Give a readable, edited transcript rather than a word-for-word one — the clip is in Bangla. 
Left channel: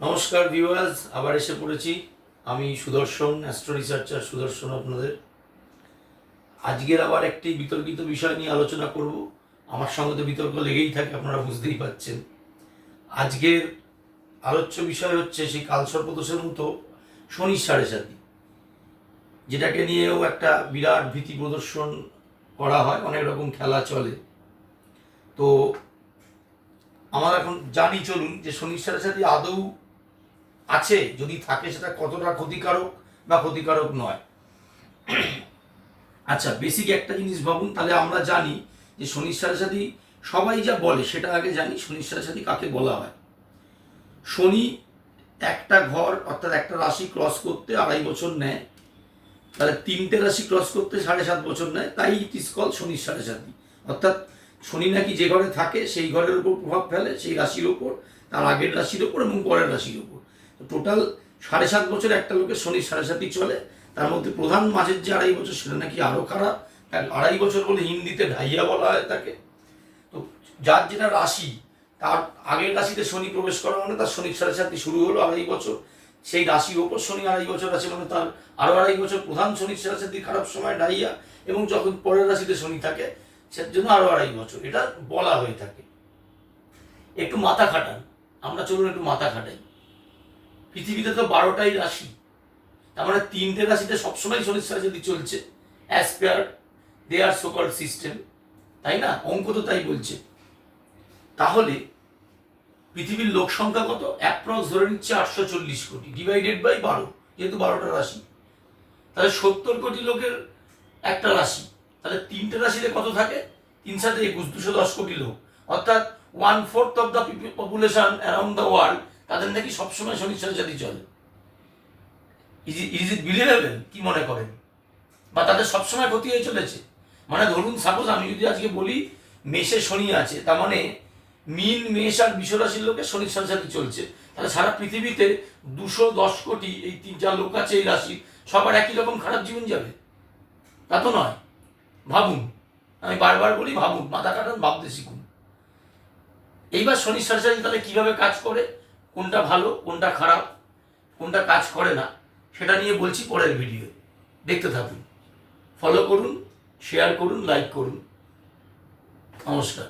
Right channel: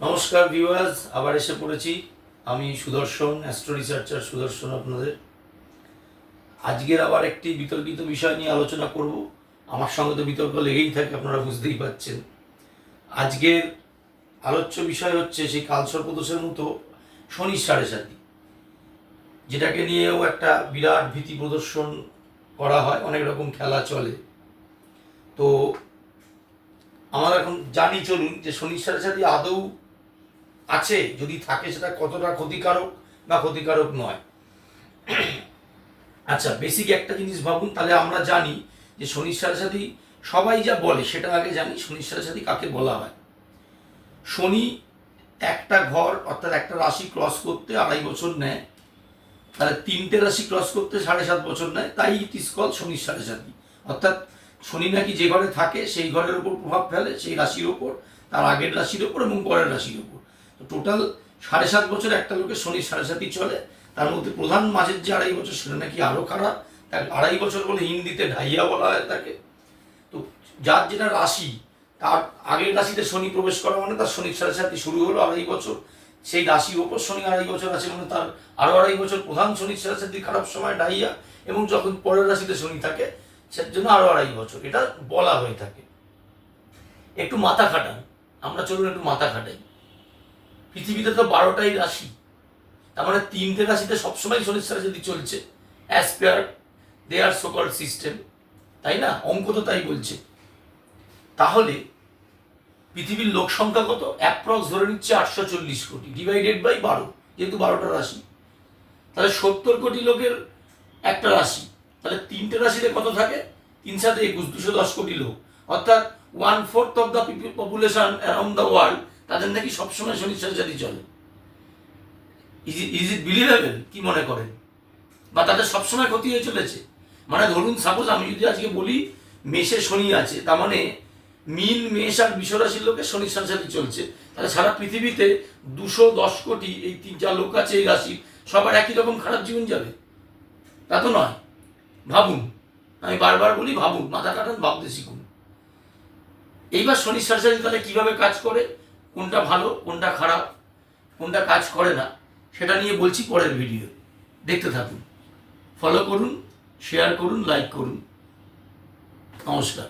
নমস্কার ভিউয়ার্স, আবার এসে পড়েছি আমি সুদর্শন, অ্যাস্ট্রো রিসার্চার সুদর্শন। আপনাদের আজকের আবার একটি বিতর্কিত বিষয় নিয়ে আলোচনা করব। আমার সঙ্গে তো বিতর্ক লেগেই থাকে, আপনারা বুঝতেই পাচ্ছেন। আজকের আলোচ্য বিষয় হচ্ছে সেই কালসর্পদোষের মতো শনির সাড়ে সাতি, যেটাকে নিয়েও একটা বিরাট ভীতি প্রদর্শন করা হয়, অনেক রকম খেলা চলে। তো আমরা এখন জানি, চলুন, যে শনির সাড়ে সাতি আদৌ আছে, যদি থাকে সেটা কতটা ক্ষতিকারক বা ক্ষতিকারক নয়। আচ্ছা, বেসিক একটা জিনিস ভাবুন, তাহলে আমরা জানি যে শনির সাড়ে সাথী সবাই যা বলে সেটা আগে জানি। শনির সাড়ে সাথী কাকে বলা হয়? শনি একটা ঘর অর্থাৎ একটা রাশি ক্রস করতে 2.5 বছর নেয়, তাহলে 3টে রাশি ক্রস করতে 7.5 বছর নেয়, তাই ইট ইজ কল শনির সাড়ে সাথী। অর্থাৎ শনি নাকি যে ঘরে থাকে সেই ঘরের উপর প্রভাব ফেলে, সেই রাশির ওপর, তার আগের রাশির ওপর এবং পরের রাশির ওপর। টোটাল 7.5 বছর একটা লোকের শনির সাড়ে সাথী চলে। তার মধ্যে প্রধান মাঝের যে 2.5 বছর সেটা নাকি আরও খারাপ। তার 2.5 বছর বলে হিন্দিতে ঢাইয়া বলা হয় তাকে। তো যার যেটা রাশি, তার আগের রাশিতে শনি প্রবেশ করা মানে তার শনির সাড়ে সাথী শুরু হলো 2.5 বছর। সেই রাশির ওপর শনি 2.5 বছর আছে মানে তার আরও 2.5 বছর প্রধান শনির সাড়ে সাথী খারাপ সময় ঢাইয়া, এবং যখন পরের রাশিতে শনি থাকে সেটার জন্য আরও 2.5 বছর এটা বলা হয়ে থাকে। একটু মাথা খাটান, আমরা চলুন একটু মাথা খাটাই। পৃথিবীতে তো 12টাই রাশি, তার মানে 3টে রাশিতে সবসময় শনির সাড়ে সাথী চলছে, as per their so called system, তাই না? অঙ্ক তো তাই বলছে। তাহলে পৃথিবীর লোক সংখ্যা কত? অ্যাপ্রক্স ধরে নিচ্ছে 840 কোটি, ডিভাইডেড বাই 12, যেহেতু 12টা রাশি। তাহলে 70 কোটি লোকের একটা রাশি, তাহলে 3টে রাশিতে কত থাকে? 3 সাথে 21, 210 কোটি লোক, অর্থাৎ 1/4 of the population around the world, তাদের নাকি সবসময় শনির সাড়ে সাথী চলে। Is it believable? কি মনে করেন? বা তাদের সবসময় ক্ষতি হয়ে চলেছে? মানে ধরুন, সাপোজ আমি যদি আজকে বলি মেষে শনি আছে, তার মানে মীন, মেষ আর বৃষ রাশির লোকের শনির সাড়ে সাথে চলছে, তাহলে সারা পৃথিবীতে 210 কোটি এই যা লোক আছে এই রাশি, সবার একই রকম খারাপ জীবন যাবে? তা তো নয়। ভাবুন, আমি বারবার বলি ভাবুন, মাথা কাটান, ভাবতে শিখুন। এইবার শনির সাড়ে সাথে তাহলে কিভাবে কাজ করে, কোনটা ভালো কোনটা খারাপ, কোনটা কাজ করে না, সেটা নিয়ে বলছি পরের ভিডিও। দেখতে থাকুন, ফলো করুন, শেয়ার করুন, লাইক করুন। নমস্কার।